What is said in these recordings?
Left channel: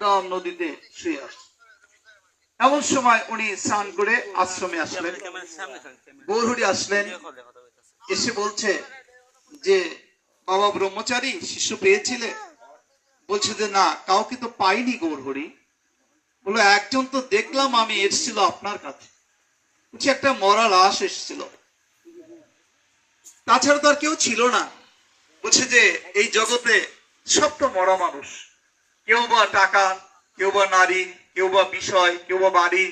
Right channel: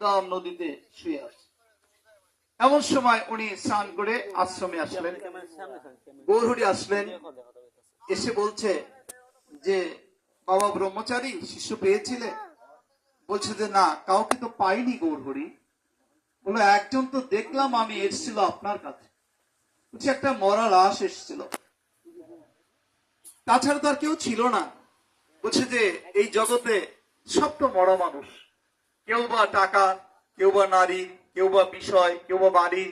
একদম নদীতে শুয়ে আছে। এমন সময় উনি স্নান করে আশ্রমে আসলেন, গৌরহরি আসলেন, এসে বলছে যে বাবা ব্রহ্মচারী শিশু পেয়েছিলে? বলছে যে না, কাউকে তো পাইনি গৌরহরি। বললো একজন তো দেখলাম আমি, এসেছিল আপনার কাছে, বলছে একটা মরা লাশ এসেছিল, তাছাড়া তো আর কেউ ছিল না। বলছে যে এই জগতে সব তো মরা মানুষ, কেউ বা টাকা, কেউ বা নারী, কেউ বা বিষয়, কেউ বা বাড়ি,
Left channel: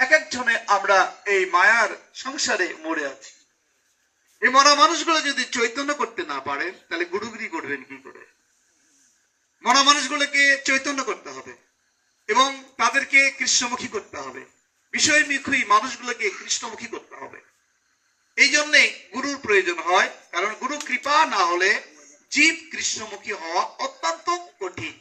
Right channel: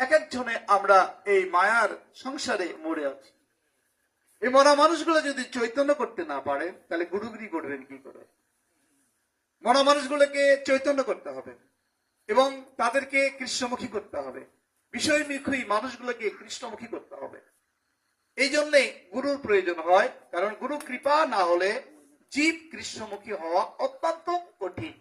এক একজনে আমরা এই মায়ার সংসারে মরে আছি। এই মরা মানুষগুলো যদি চৈতন্য করতে না পারে তাহলে গুরুগিরি করবেন কি করে? মরা মানুষগুলোকে চৈতন্য করতে হবে এবং তাদেরকে কৃষ্ণমুখী করতে হবে, বিষয়মুখী মানুষগুলোকে কৃষ্ণমুখী করতে হবে। এই জন্যে গুরুর প্রয়োজন হয়, কারণ গুরু কৃপা না হলে জীব কৃষ্ণমুখী হওয়া অত্যন্ত কঠিন।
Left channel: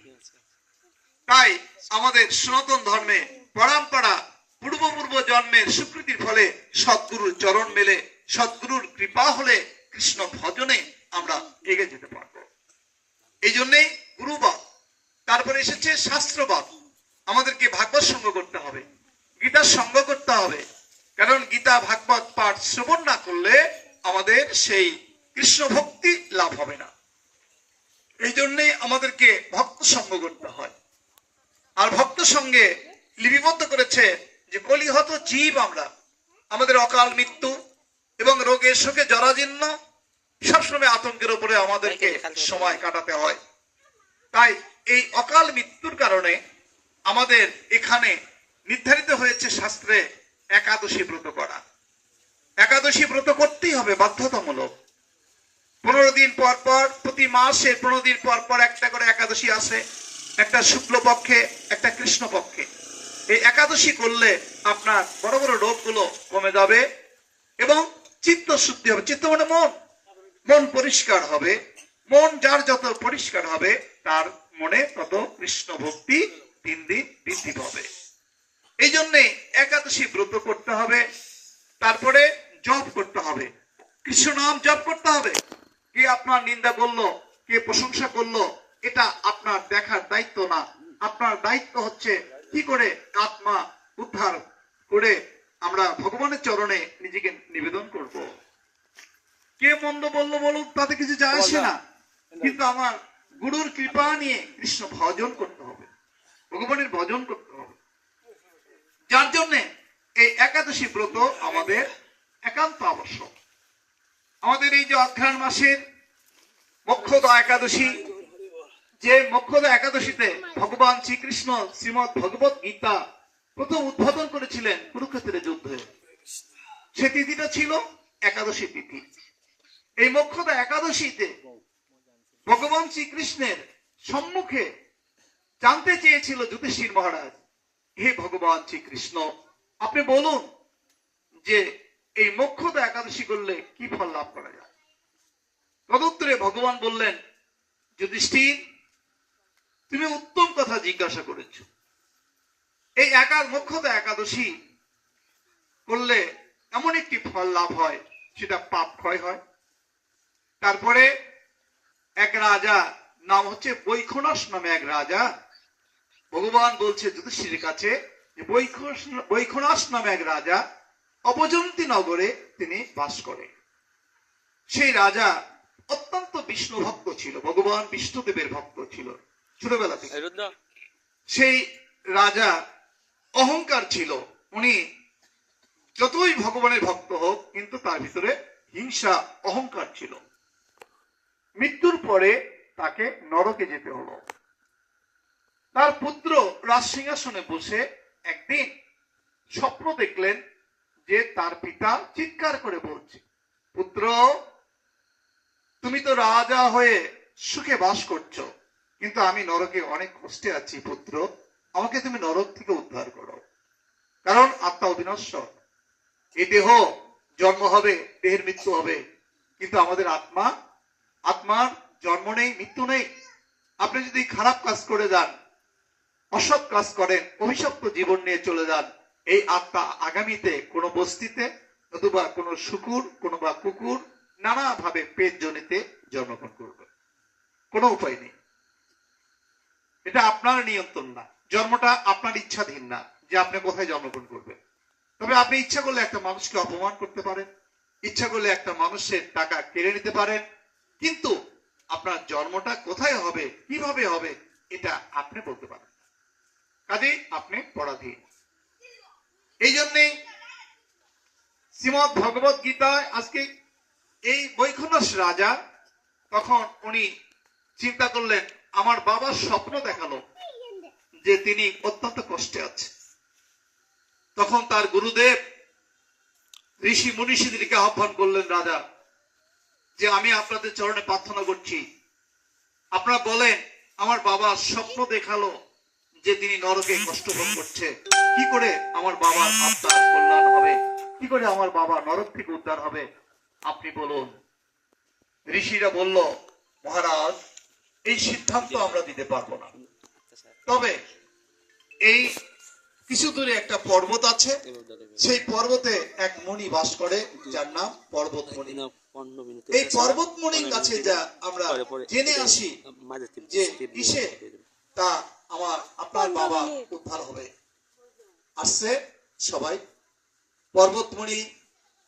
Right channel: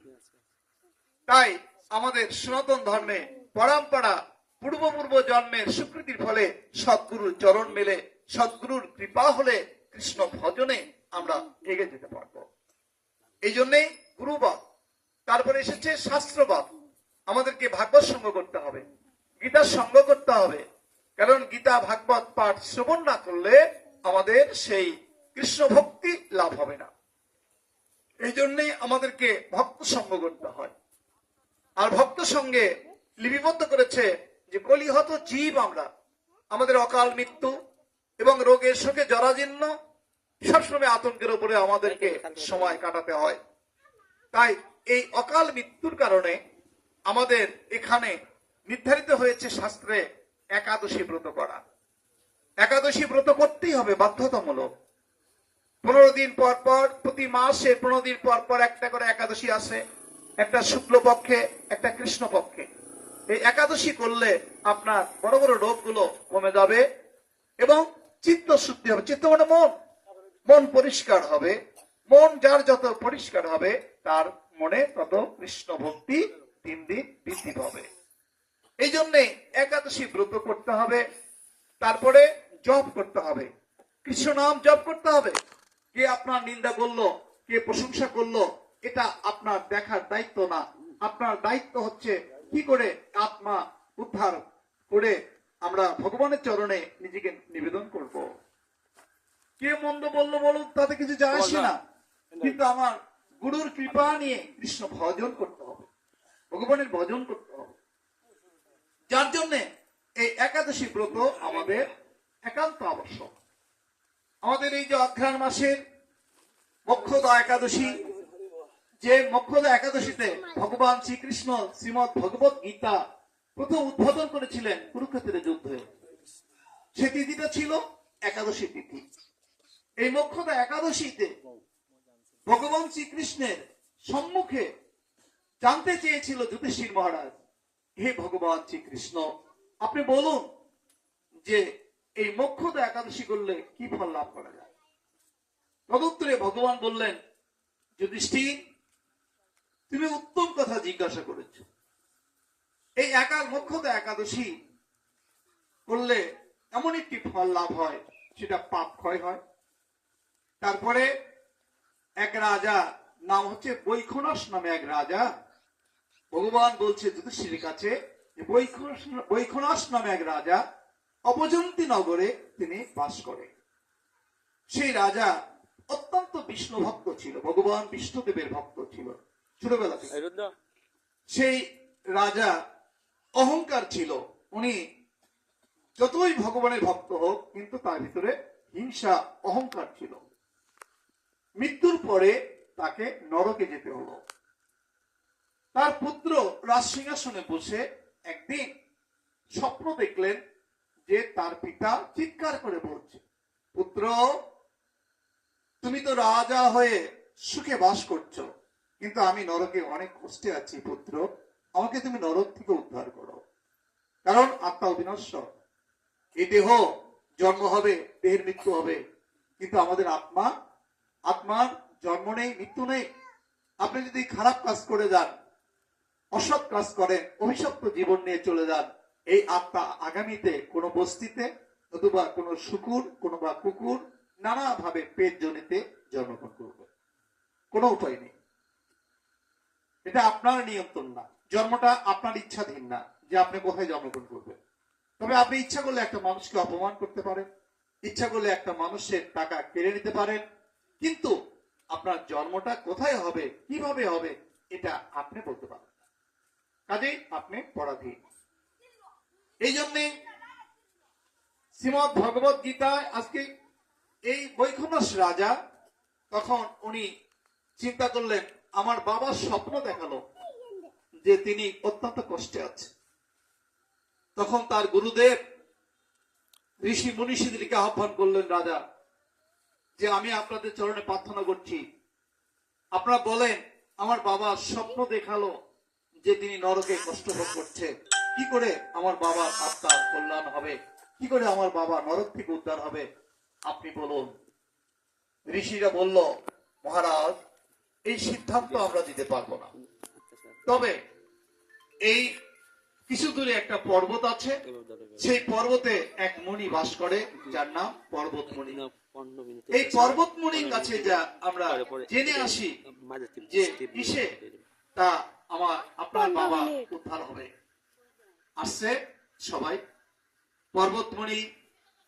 তাই আমাদের সনাতন ধর্মে পরম্পরা পূর্ব জন্মের স্বীকৃতির ফলে সদ্গুরুর চরণ মেলে, সদ্গুরুর কৃপা হলে কৃষ্ণ ভজনে আমরা এগিয়ে যেতে পারবো। এই জন্যেই গুরুবাদ, তারপরে এসেছে শাস্ত্রবাদ। আমাদেরকে ভাগবত সঙ্গ করতে হবে, গীতার সঙ্গ করতে হবে, কারণ গীতা ভাগবত পাঠ শ্রবণ না করলে আমাদের সেই কৃষ্ণ ভক্তি লাভ হবে না। এই জন্যই আমাদেরকে ভক্ত সঙ্গ করতে হয়। আর ভক্ত সঙ্গে লিপিবদ্ধ করেছে যে কলিহত জীব আমরা, আমাদের অকাল মৃত্যু এবং রোগের শোকে জরাজীর্ণ, সবসময় আতঙ্কের উপরে আমাদেরকে সময় কাটাতে হয়। তাই এই অকাল মৃত্যুর কারণে আমাদের এখানে নির্ধারিত হয়েছে শাস্ত্রে একাদশী ব্রত করা। একাদশী ব্রত করতেই হবে, বাধ্যতামূলক। 15 দিন পর পর, প্রতি মাসে 15 দিন পর পর একটা করে একাদশী আসে, একটা শুক্ল পক্ষে, একটা কৃষ্ণ পক্ষে। এই একাদশী করলে আপনার বড় বড় রোগগুলো কমে যাবে এবং চিত্ত শুদ্ধি হবে। চিত্ত মানে মন, মন পরিষ্কার হবে। মন যার যত পরিষ্কার হবে তার মনে তত কৃষ্ণ ভক্তি দিন দিন বৃদ্ধি পাবে। এই জন্যে একাদশী ব্রত করতে হবে, তারপরে জপ করতে হবে, কৃষ্ণ নাম জপ করতে হবে। কে আপনার নিন্দা করলো, কে প্রশংসা করলো, এটা আপনার দেখার দায়িত্ব না। আপনার দায়িত্ব হচ্ছে কি করে আত্মা উদ্ধার করে আমরা ভগবানের চরণে নিজেকে নিবেদন করব। কে মন্দ বললো বলুক, তাতে কিছু যায় আসে না, কিন্তু আমার গুরুর কৃপা নিয়ে কৃষ্ণ ভজন করতে হবে, ভগবানের ভজন করতে হবে। যার জন্য এই একাদশী ব্রত আমাদের একান্ত আবশ্যক। আমাদের এই যে অঘ্রাণ মাসের মোক্ষদা একাদশী, যে মোক্ষদা একাদশীতে ভগবান শ্রীকৃষ্ণ শ্রীমৎ ভগবত গীতা প্রথম উদ্বোধন করেছিলেন কুরুক্ষেত্রের যুদ্ধে, সে তিথিটা ছিল একাদশী তিথি। এই মোক্ষদা একাদশীতে ভগবান শ্রীকৃষ্ণের সম্মুখে জানতে চেয়েছিল যুধিষ্ঠির মহারাজ, হে ভগবান শ্রীকৃষ্ণ, আপনি বলুন যে এই মোক্ষদা একাদশী করলে কি ফল লাভ করা যায়। তদুত্তরে ভগবান বললেন, যুধিষ্ঠির, তুমি উত্তম কথা জিজ্ঞাসা করেছ। এই মোক্ষদা একাদশী করলে এমন একটি ফল লাভ হয়, সেটা পাপ ক্ষয় হয়। তারপরে এক রাজা, নাম হচ্ছে বৈখনস নামে এক রাজা, ভগবান বলছে যুধিষ্ঠিরের কাছে যে বৈখনস নামে এক রাজা অবজন্তী নগরে তিনি বাস করে। সেই রাজা অত্যন্ত বিষ্ণু ভক্ত ছিল, ভগবান বিষ্ণুদেবের ভক্ত ছিল ছোটবেলা থেকে। সেই রাজা অহংকার ছিল, উনি যতই ভগবানের ভক্ত হোক কিন্তু তার ভিতরে হিংসা অহংকার ছিল। মৃত্যুর পরে তাকে নরকে যেতে হলো। তার পুত্র রাজসিংহাসনে বসে একদিন স্বপ্ন দেখলেন যে তার পিতা চিৎকার করে বলছে, পুত্র, তুমি তো রাজা হয়ে সুখে বাস করছো, কিন্তু আমি নরকে অনেক কষ্টে আছি। পুত্র, আমাকে তুমি নরক থেকে উদ্ধার করো, কারণ আত্মা অবিনশ্বর। এই দেহ জন্ম হবে, দেহের মৃত্যু হবে, কিন্তু আমাদের আত্মার জন্ম নেই, মৃত্যু নেই। আপনি যদি খারাপ কাজ করে যান, অসৎ কাজ করেন, অভিশপ্ত জীবন নিয়ে চলে যান, এই আত্মা আগামীতে কোনো বস্তিতে, নতুবা কোনো শুকুর, কোনো বা কুকুর, নানা ভাবে পেট জনিতে জন্মগ্রহণ করবে, কোনো উপায় নেই। এটা আপনার নিয়ন্ত্রণ না, জন্মটা আপনার ইচ্ছাধীন না যে আপনি কোথায় জন্মগ্রহণ করবেন। তবে আপনি ইচ্ছা করলে একটা মানুষকে অপমান করতে পারেন, ইচ্ছা করলে একটা মানুষের টাকা কেড়ে নিতে পারেন, কিন্তু আপনার জন্মটা কোথায় হবে, কিভাবে হবে, এটা আপনি বলতে পারেন না। কাজেই আপনি পরাধীন। এই জন্যে শ্রীমদ ভগবত গীতায় আজকে এই বৈখনস রাজা তখন উনি চিন্তা করলেন, আমার বাবার স্বপ্ন দেখালো যে তিনি অত্যন্ত কষ্টে আছে। তখন তার গুরুদেব ঋষি মুনিষীদেরকে আহ্বান করলেন, রাজা যে আমি আপনাদের চরণে প্রার্থনা করছি, আপনারা বলেন আমার বাবা স্বপ্ন দেখালো যে তিনি নরকে কষ্ট ভোগ করছে, কি করে আমার বাবার আত্মার কল্যাণ হবে, কি করে আমার বাবা নরক থেকে উদ্ধার হবে, আপনি বলুন। ঋষিরা বলল, মহারাজ এই সিদ্ধান্ত আমরা দিতে পারবো না, তবে এই কিছু দূরে একটা পর্বত আছে, সেই পর্বতে এক মুনি বাস করে যার নাম পর্বতমণি। এই পর্বতমণির কাছে যা আমরা জেনে আসি যে কিসে তা আপনার বাবা উদ্ধার হবে। আসছে সবাই। পর্বতমণি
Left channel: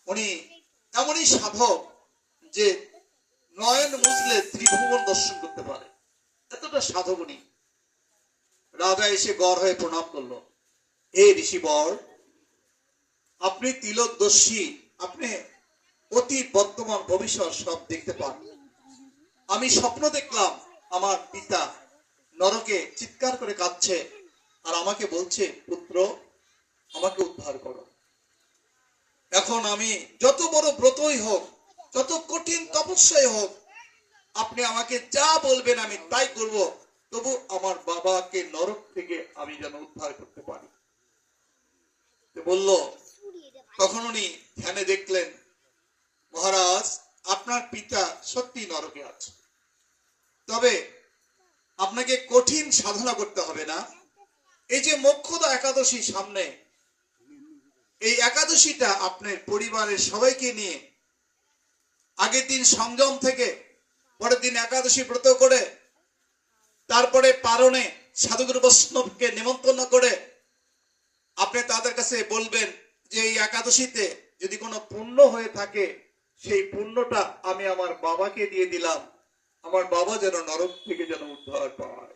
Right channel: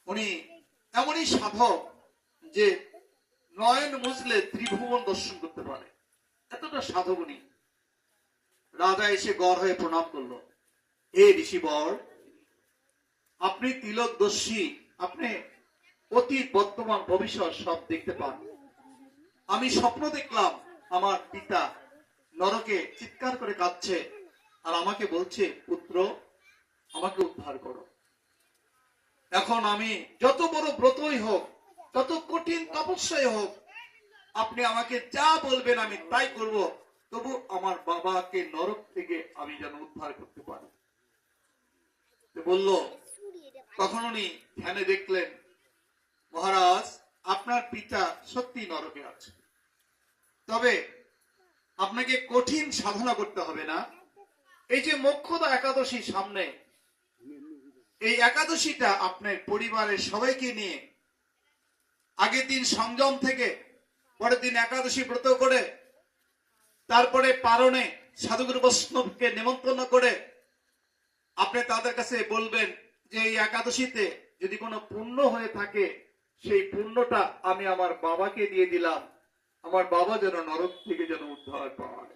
উনি এমনই সাধক যে নয়ন মুছলে ত্রিভুবন দর্শন করতে পারে, এতটা সাধক উনি। রাজা এসে গড় হয়ে প্রণাম করলো, হে ঋষিবর, আপনি তিলকদর্শী, আপনি অতীত বর্তমান ভবিষ্যৎ সব দেখতে পান। আমি স্বপ্ন দেখলাম আমার পিতা নরকে চিৎকার করে কাঁদছে আর আমাকে বলছে, পুত্র আমাকে উদ্ধার করো। এখন আমি যত বড় ব্রতই হোক, যত কঠিন তপস্যাই হোক, আপনি আমাকে যা বলবেন আমি তাই করব, তবু আমার বাবাকে নরক থেকে আমি যেন উদ্ধার করতে পারি। বলল, তখন উনি ধ্যানে দেখলেন, মহারাজ আপনার পিতা সত্যি নরকে আছে, তবে আপনাকে কঠিন সাধনা করতে হবে না। এই যে মোক্ষদা একাদশী সামনে, এই একাদশীটা আপনার পরিবারের সবাইকে নিয়ে আগের দিন সংযম থেকে পরের দিন একাদশী ব্রত করে, তারপরে পারণে সাধুগুরু বৈষ্ণবকে নিমন্ত্রণ করে আপনি তাদের কাছে বলবেন যে এই একাদশীতে যদি কোনো পুণ্য হয়ে থাকে, সেই পুণ্যটা আমি আমার বাবাকে দিয়ে দিলাম, আমার বাবা যেন নরক থেকে যেন উদ্ধার পায়।